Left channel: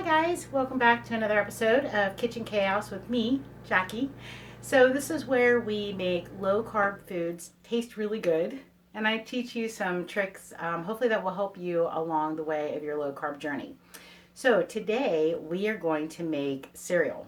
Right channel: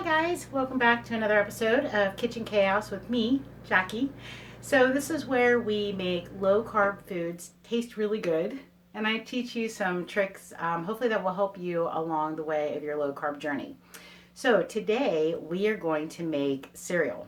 Hi guys, welcome back to another episode of Kitchen Chaos with me, Jackie. So this is where we make low carb foods taste really good, and I teach you some tricks, hopefully that will help you along the way of your low carb journey. So today we are going to make cereal.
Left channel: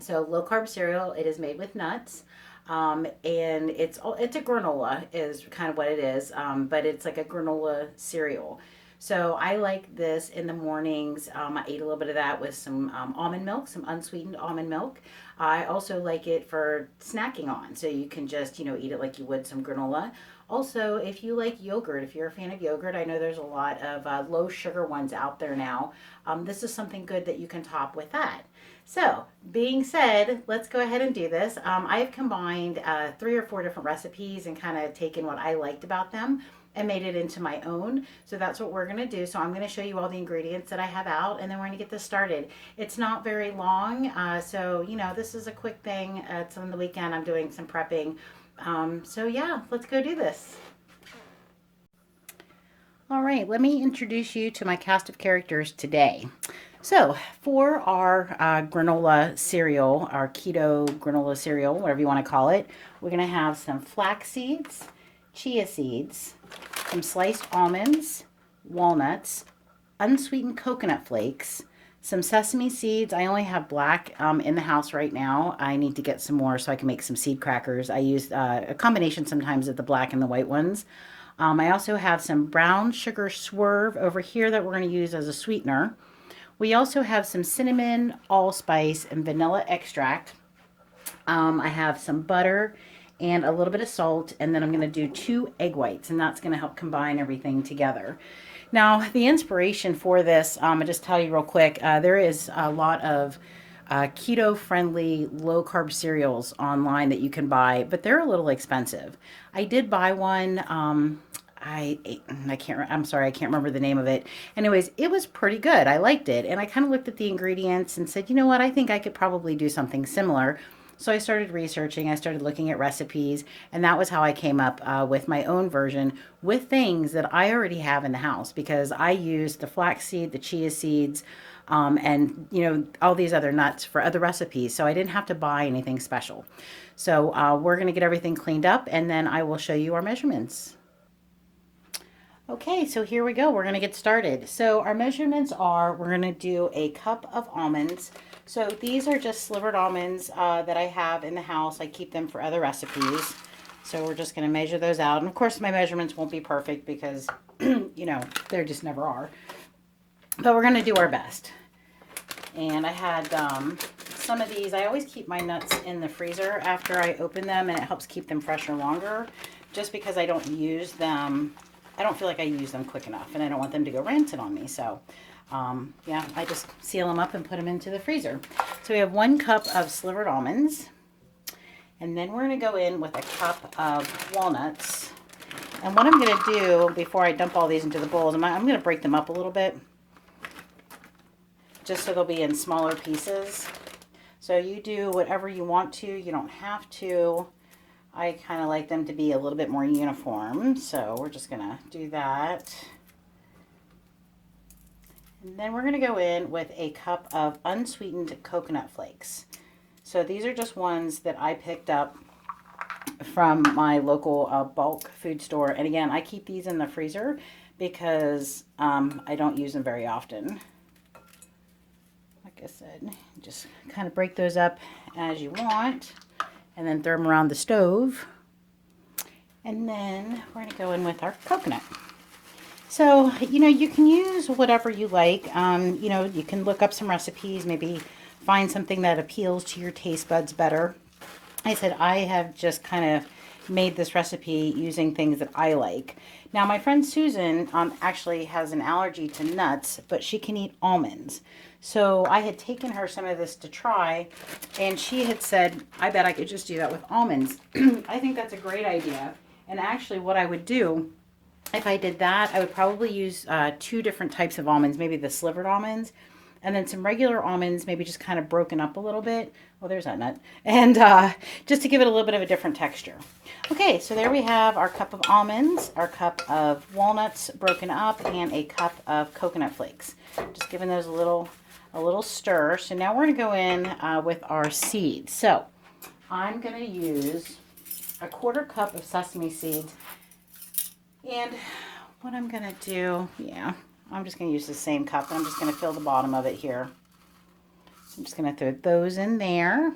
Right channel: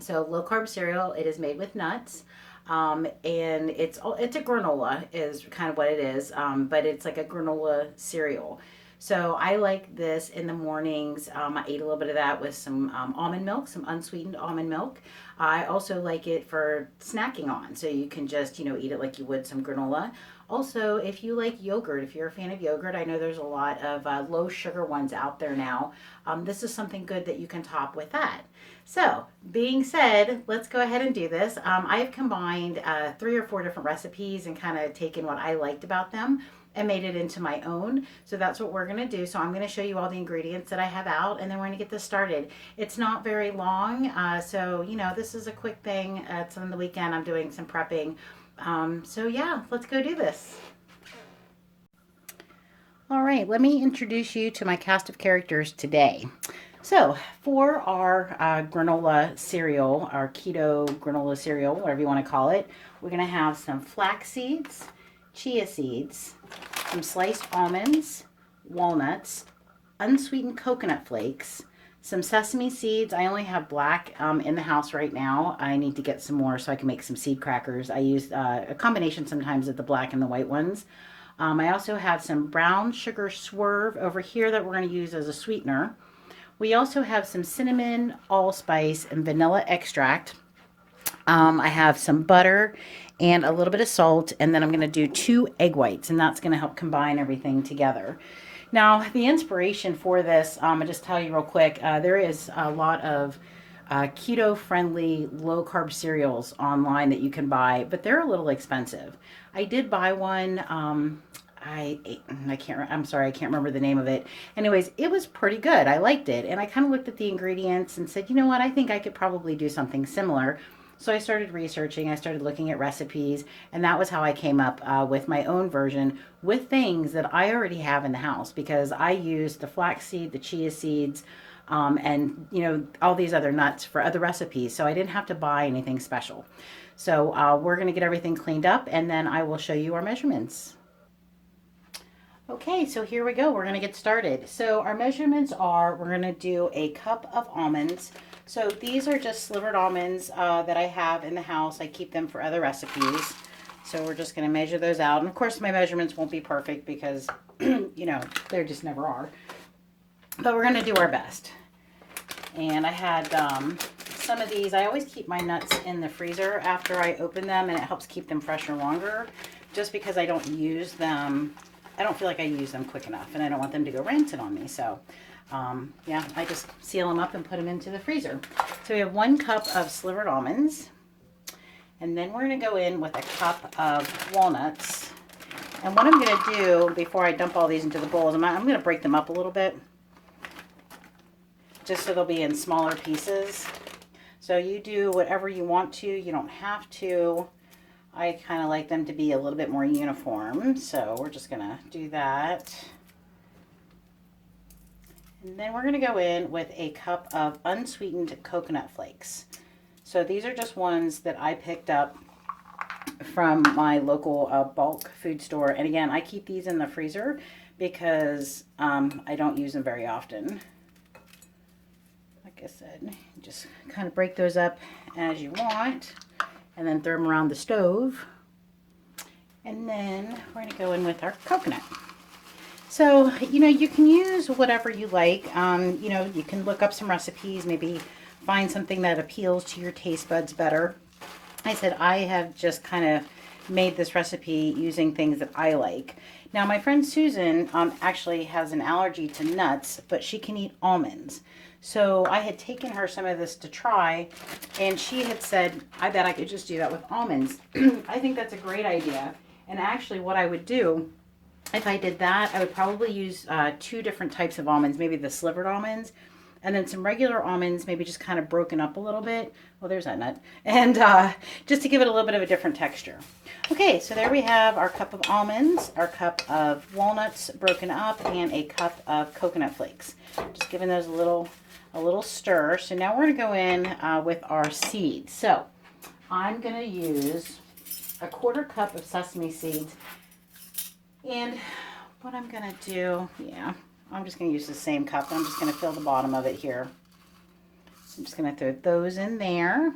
So low carb cereal, it is made with nuts. And it's a granola is kind of what it is, but it's like a granola cereal. So I like this in the mornings. I ate a little bit of that with some almond milk, some unsweetened almond milk. I also like it for snacking on, so you can just eat it like you would some granola. Also, if you like yogurt, if you're a fan of yogurt, I know there's a lot of low sugar ones out there now. This is something good that you can top with that. So, being said, let's go ahead and do this. I have combined 3 or 4 different recipes and kind of taken what I liked about them and made it into my own. So that's what we're going to do. So I'm going to show you all the ingredients that I have out, and then we're going to get this started. It's not very long, so this is a quick thing. It's on the weekend. I'm doing some prepping. So yeah, let's go do this. All right, let me introduce you to my cast of characters today. So, for our granola cereal, our keto granola cereal, whatever you want to call it, we're going to have some flax seeds, chia seeds, some sliced almonds, walnuts, unsweetened coconut flakes, some sesame seeds. I only have black in the house right now. I need to get some more so I can make some seed crackers. I use a combination sometimes of the black and the white ones. I also have some brown sugar swerve over here that we're going to use as a sweetener. We also have some cinnamon, allspice, and vanilla extract. I have some butter and a little bit of salt, and then I'm going to do 2 egg whites, and that's going to help combine everything together. Now, the inspiration for this, I'll just tell you real quick, there is a lot of keto-friendly, low-carb cereals online that you can buy, but they're a little expensive. I did buy one. I can't. I'm sorry, I can't remember the name of it. Anyways, it was pretty good. I liked it, and I kind of looked at the ingredients and said, you know what? I think I could probably do something similar. So I started researching. I started looking at recipes, and that was how I came up with my own version with things that I already have in the house because I used the flaxseed, the chia seeds, and all these other nuts for other recipes. So I didn't have to buy anything special. So we're going to get everything cleaned up, and then I will show you our measurements. Okay, so here we go. We're going to get started. So our measurements are, we're going to do a cup of almonds. So these are just slivered almonds that I have in the house. I keep them for other recipes. So we're just going to measure those out. And of course, my measurements won't be perfect because, there just never are. But we're going to do our best. And I had some of these. I always keep my nuts in the freezer after I open them, and it helps keep them fresher longer just because I don't use them. I don't feel like I use them quick enough, and I don't want them to go rancid on me. So, yeah, I just seal them up and put them into the freezer. So we have 1 cup of slivered almonds, and then we're going to go in with a cup of walnuts. And what I'm going to do before I dump all these into the bowls, I'm going to break them up a little bit, just so they'll be in smaller pieces. So you do whatever you want to. You don't have to. I kind of like them to be a little bit more uniform, so we're just going to do that. And then we're going to go in with a cup of unsweetened coconut flakes. So these are just ones that I picked up from my local bulk food store. And again, I keep these in the freezer because I don't use them very often. Like I said, just kind of break those up as you want. And then throw them around the stove. And then we're going to go in with our coconut. So, you can use whatever you like. You can look up some recipes, maybe find something that appeals to your taste buds better. I said I have just kind of made this recipe using things that I like. Now, my friend Susan actually has an allergy to nuts, but she can eat almonds. So I had taken her some of this to try, and she had said, I bet I could just do that with almonds. I think that's a great idea. And actually what I would do, if I did that, I would probably use 2 different types of almonds, maybe the slivered almonds, and then some regular almonds, maybe just kind of broken up a little bit. Well, there's that nut. And just to give it a little bit of a different texture. Okay, so there we have our cup of almonds, our cup of walnuts broken up, and a cup of coconut flakes. Just giving those a little a little stir. So now we're going to go in with our seeds. So I'm going to use a 1/4 cup of sesame seeds. And what I'm going to do, I'm just going to use the same cup. I'm just going to fill the bottom of it here. So I'm just going to throw those in there.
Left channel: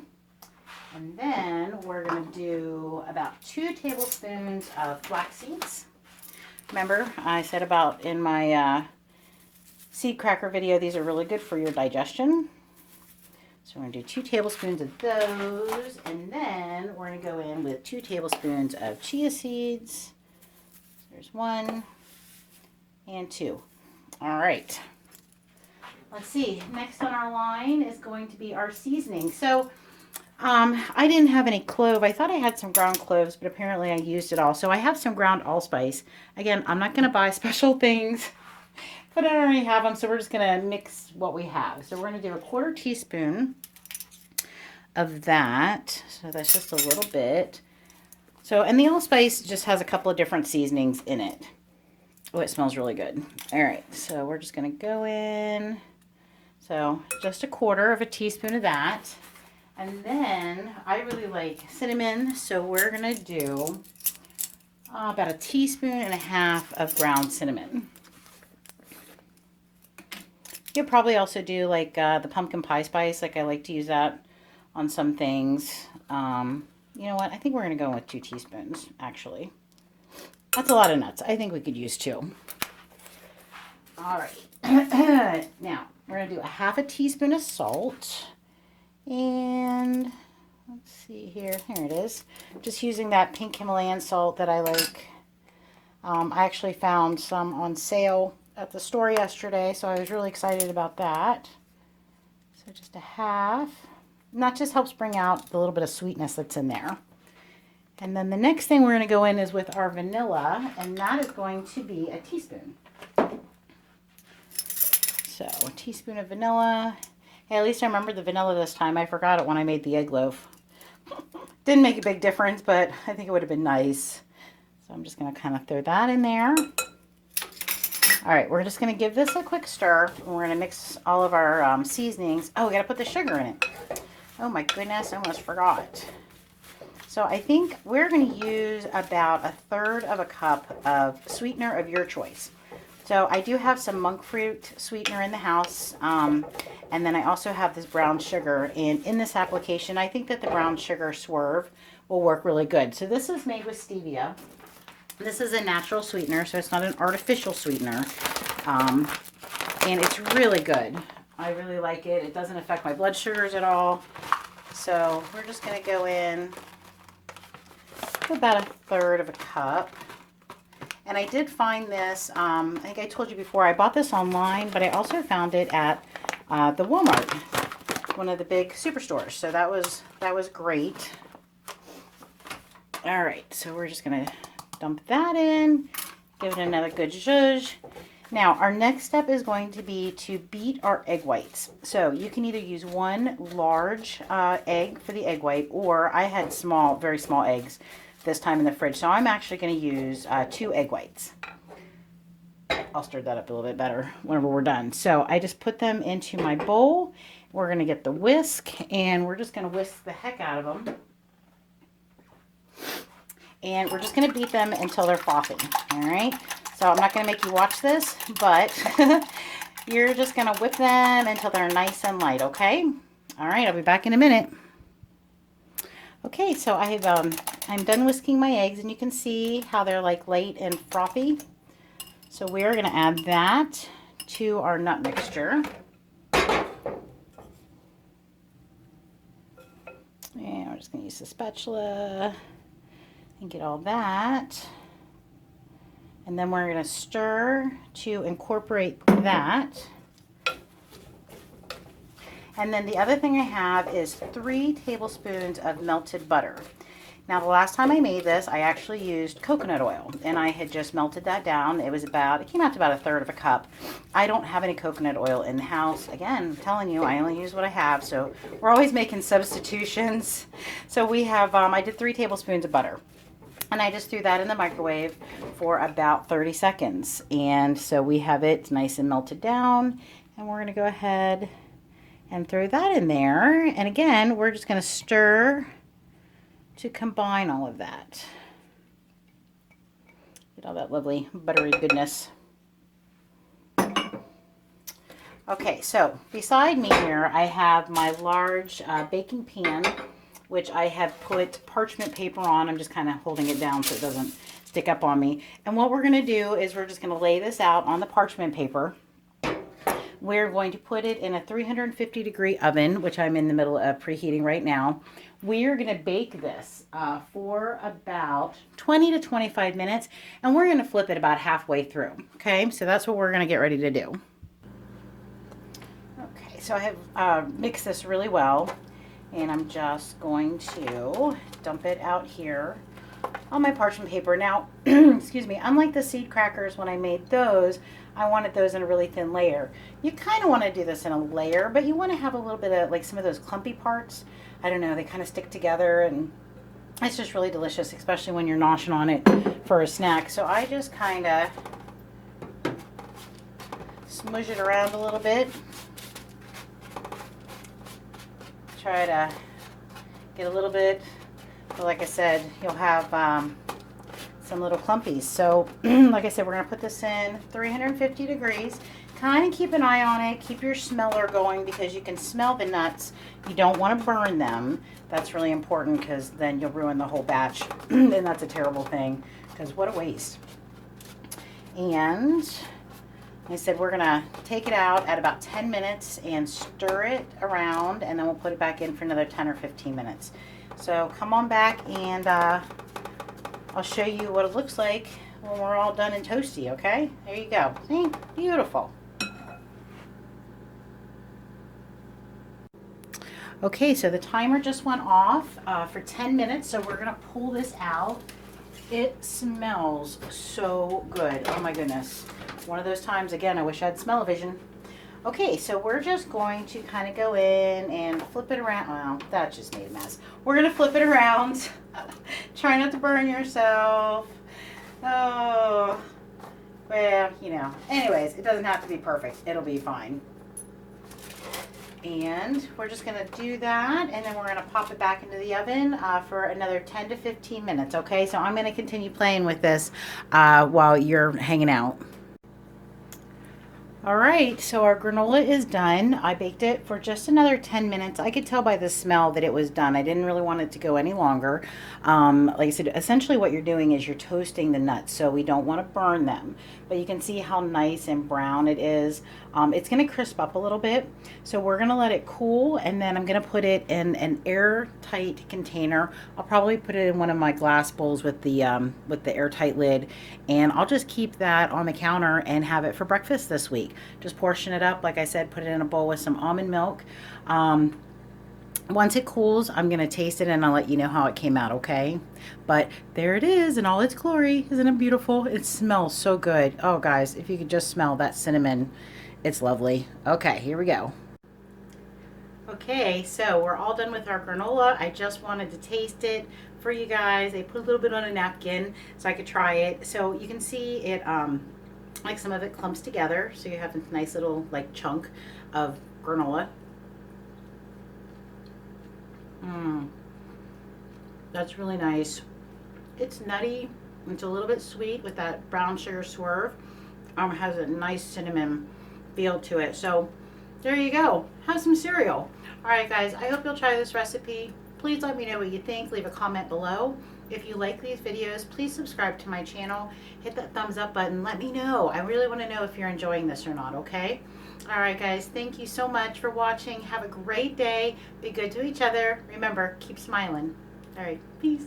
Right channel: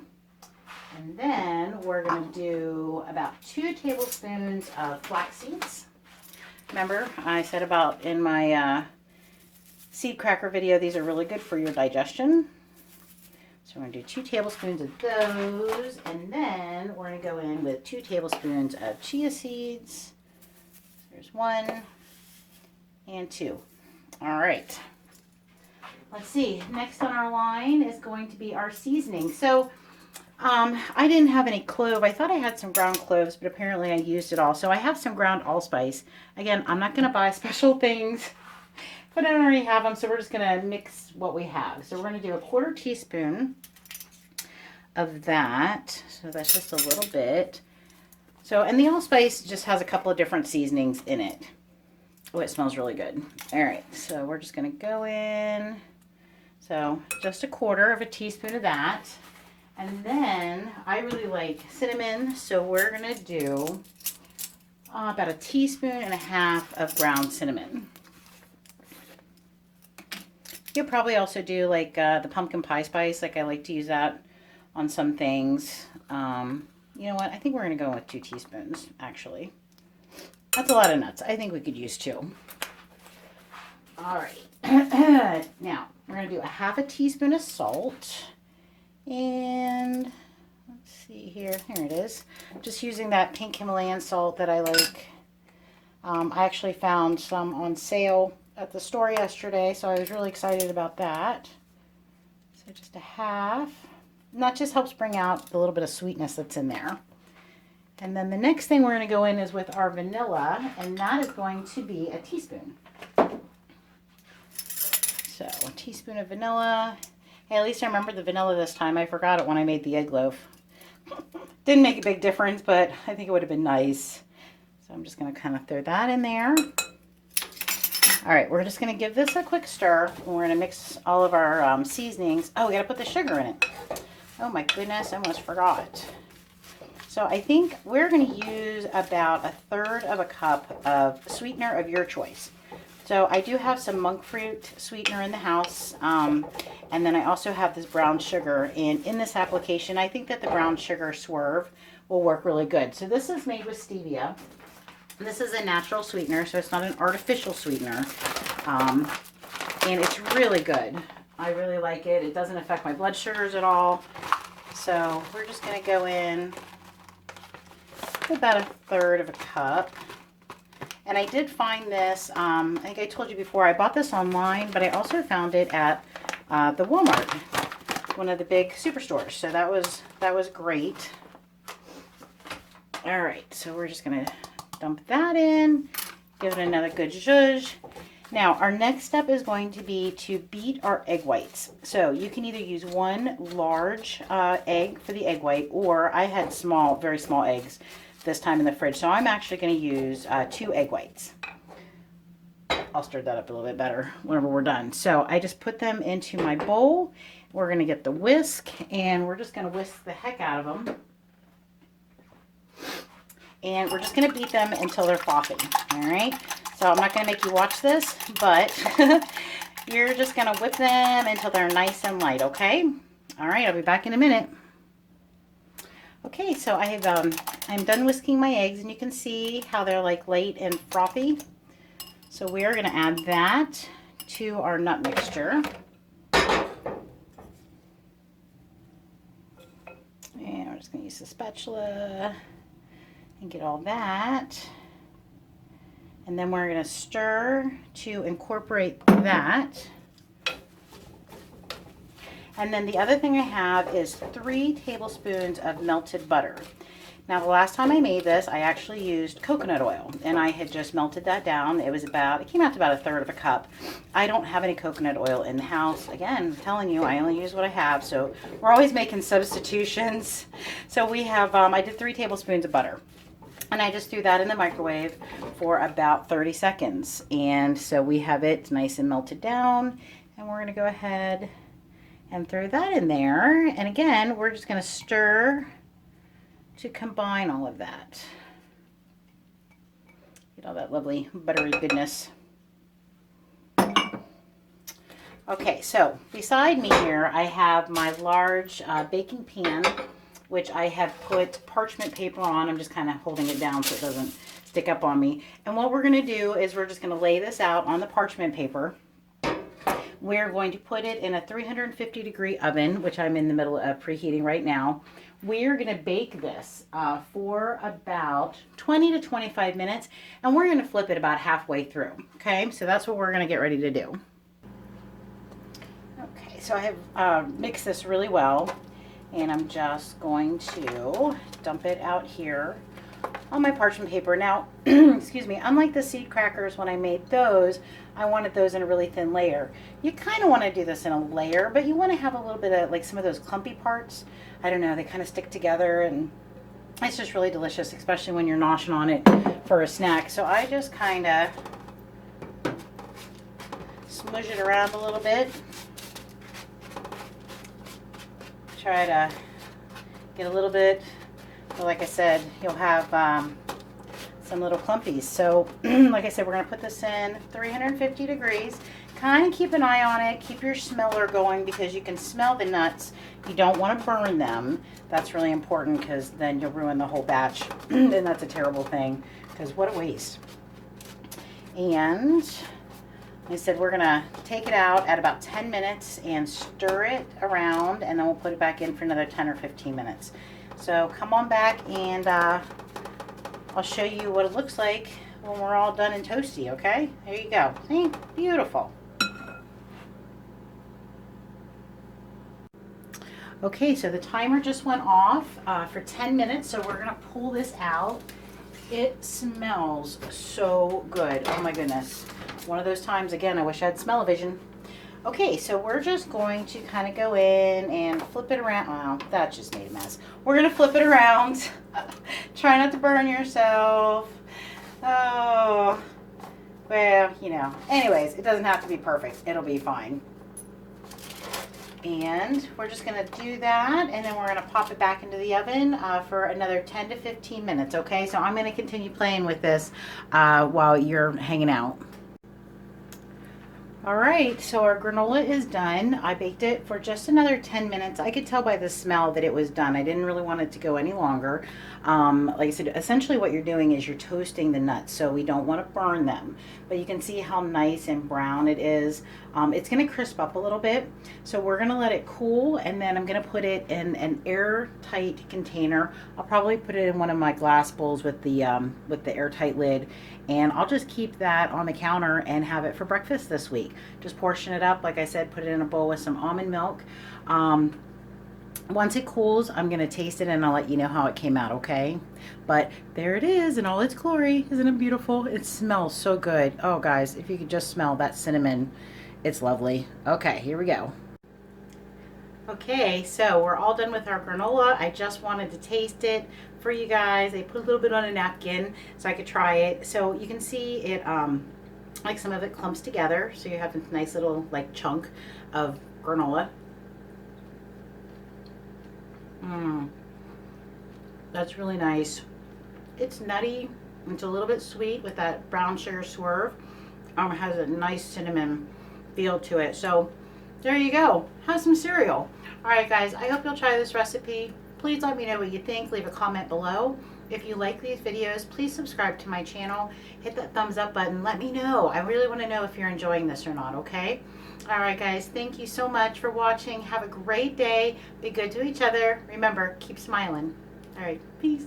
And then we're going to do about 2 tablespoons of flax seeds. Remember, I said about in my seed cracker video, these are really good for your digestion. So we're going to do 2 tablespoons of those. And then we're going to go in with 2 tablespoons of chia seeds. There's 1 and 2. All right. Let's see. Next on our line is going to be our seasoning. So I didn't have any clove. I thought I had some ground cloves, but apparently I used it all. So I have some ground allspice. Again, I'm not going to buy special things, but I already have them. So we're just going to mix what we have. So we're going to do a 1/4 teaspoon of that. So that's just a little bit. So, and the allspice just has a couple of different seasonings in it. Oh, it smells really good. All right, so we're just going to go in. So just a 1/4 teaspoon of that. And then I really like cinnamon, so we're going to do about 1.5 teaspoons of ground cinnamon. You'll probably also do like the pumpkin pie spice. Like I like to use that on some things. You know what? I think we're going to go with 2 teaspoons, actually. That's a lot of nuts. I think we could use 2. All right. Now, we're going to do 1/2 teaspoon of salt. And let's see here. Here it is. Just using that pink Himalayan salt that I like. I actually found some on sale at the store yesterday, so I was really excited about that. So just 1/2. And that just helps bring out the little bit of sweetness that's in there. And then the next thing we're going to go in is with our vanilla, and that is going to be 1 teaspoon. So 1 teaspoon of vanilla. Hey, at least I remember the vanilla this time. I forgot it when I made the egg loaf. Didn't make a big difference, but I think it would have been nice. So I'm just going to kind of throw that in there. All right, we're just going to give this a quick stir. And we're going to mix all of our seasonings. Oh, we got to put the sugar in it. Oh my goodness, I almost forgot. So I think we're going to use about 1/3 cup of sweetener of your choice. So I do have some monk fruit sweetener in the house, and then I also have this brown sugar. And in this application, I think that the brown sugar swerve will work really good. So this is made with stevia. This is a natural sweetener, so it's not an artificial sweetener, and it's really good. I really like it. It doesn't affect my blood sugars at all. So we're just going to go in with about 1/3 cup. And I did find this, I think I told you before, I bought this online, but I also found it at the Walmart, one of the big superstores. So that was great. All right, so we're just going to dump that in, give it another good zhuzh. Now, our next step is going to be to beat our egg whites. So you can either use 1 large egg for the egg white, or I had very small eggs this time in the fridge. So I'm actually going to use 2 egg whites. I'll stir that up a little bit better whenever we're done. So I just put them into my bowl. We're going to get the whisk, and we're just going to whisk the heck out of them. And we're just going to beat them until they're frothing. All right. So I'm not going to make you watch this, but you're just going to whip them until they're nice and light. Okay. All right. I'll be back in a minute. Okay, so I'm done whisking my eggs, and you can see how they're like light and frothy. So we're going to add that to our nut mixture. And we're just going to use the spatula and get all that. And then we're going to stir to incorporate that. And then the other thing I have is 3 tablespoons of melted butter. Now, the last time I made this, I actually used coconut oil, and I had just melted that down. It came out to about 1/3 cup. I don't have any coconut oil in the house. Again, I'm telling you, I only use what I have, so we're always making substitutions. So we have, I did 3 tablespoons of butter, and I just threw that in the microwave for about 30 seconds. And so we have it nice and melted down, and we're going to go ahead and throw that in there. And again, we're just going to stir to combine all of that. Get all that lovely buttery goodness. Okay, so beside me here, I have my large baking pan, which I have put parchment paper on. I'm just kind of holding it down so it doesn't stick up on me. And what we're going to do is we're just going to lay this out on the parchment paper. We're going to put it in a 350-degree oven, which I'm in the middle of preheating right now. We're going to bake this for about 20 to 25 minutes, and we're going to flip it about halfway through. Okay, so that's what we're going to get ready to do. Okay, so I have mixed this really well, and I'm just going to dump it out here on my parchment paper. Now, excuse me, unlike the seed crackers, when I made those, I wanted those in a really thin layer. You kind of want to do this in a layer, but you want to have a little bit of like some of those clumpy parts. I don't know, they kind of stick together, and it's just really delicious, especially when you're noshing on it for a snack. So I just kind of smudge it around a little bit. Try to get a little bit, but like I said, you'll have some little clumpies. So like I said, we're going to put this in 350 degrees. Kind of keep an eye on it. Keep your smeller going because you can smell the nuts. You don't want to burn them. That's really important because then you'll ruin the whole batch. And that's a terrible thing because what a waste. And like I said, we're going to take it out at about 10 minutes and stir it around, and then we'll put it back in for another 10 or 15 minutes. So come on back and I'll show you what it looks like when we're all done and toasty, okay? There you go. See? Beautiful. Okay, so the timer just went off for 10 minutes, so we're going to pull this out. It smells so good. Oh my goodness. One of those times, again, I wish I had smell-o-vision. Okay, so we're just going to kind of go in and flip it around. Wow, that just made a mess. We're going to flip it around. Try not to burn yourself. Oh, well, you know. Anyways, it doesn't have to be perfect. It'll be fine. And we're just going to do that, and then we're going to pop it back into the oven for another 10 to 15 minutes, okay? So I'm going to continue playing with this while you're hanging out. All right, so our granola is done. I baked it for just another 10 minutes. I could tell by the smell that it was done. I didn't really want it to go any longer. Like I said, essentially what you're doing is you're toasting the nuts, so we don't want to burn them. But you can see how nice and brown it is. It's going to crisp up a little bit, so we're going to let it cool, and then I'm going to put it in an airtight container. I'll probably put it in one of my glass bowls with the airtight lid, and I'll just keep that on the counter and have it for breakfast this week. Just portion it up, like I said, put it in a bowl with some almond milk. Once it cools, I'm going to taste it and I'll let you know how it came out, okay? But there it is in all its glory. Isn't it beautiful? It smells so good. Oh, guys, if you could just smell that cinnamon, it's lovely. Okay, here we go. Okay, so we're all done with our granola. I just wanted to taste it for you guys. I put a little bit on a napkin so I could try it. So you can see it, like some of it clumps together. So you have a nice little like chunk of granola. That's really nice. It's nutty. It's a little bit sweet with that brown sugar swerve. It has a nice cinnamon feel to it. So there you go. Have some cereal. All right, guys, I hope you'll try this recipe. Please let me know what you think. Leave a comment below. If you like these videos, please subscribe to my channel. Hit that thumbs up button. Let me know. I really want to know if you're enjoying this or not, okay? All right, guys, thank you so much for watching. Have a great day. Be good to each other. Remember, keep smiling. All right, peace.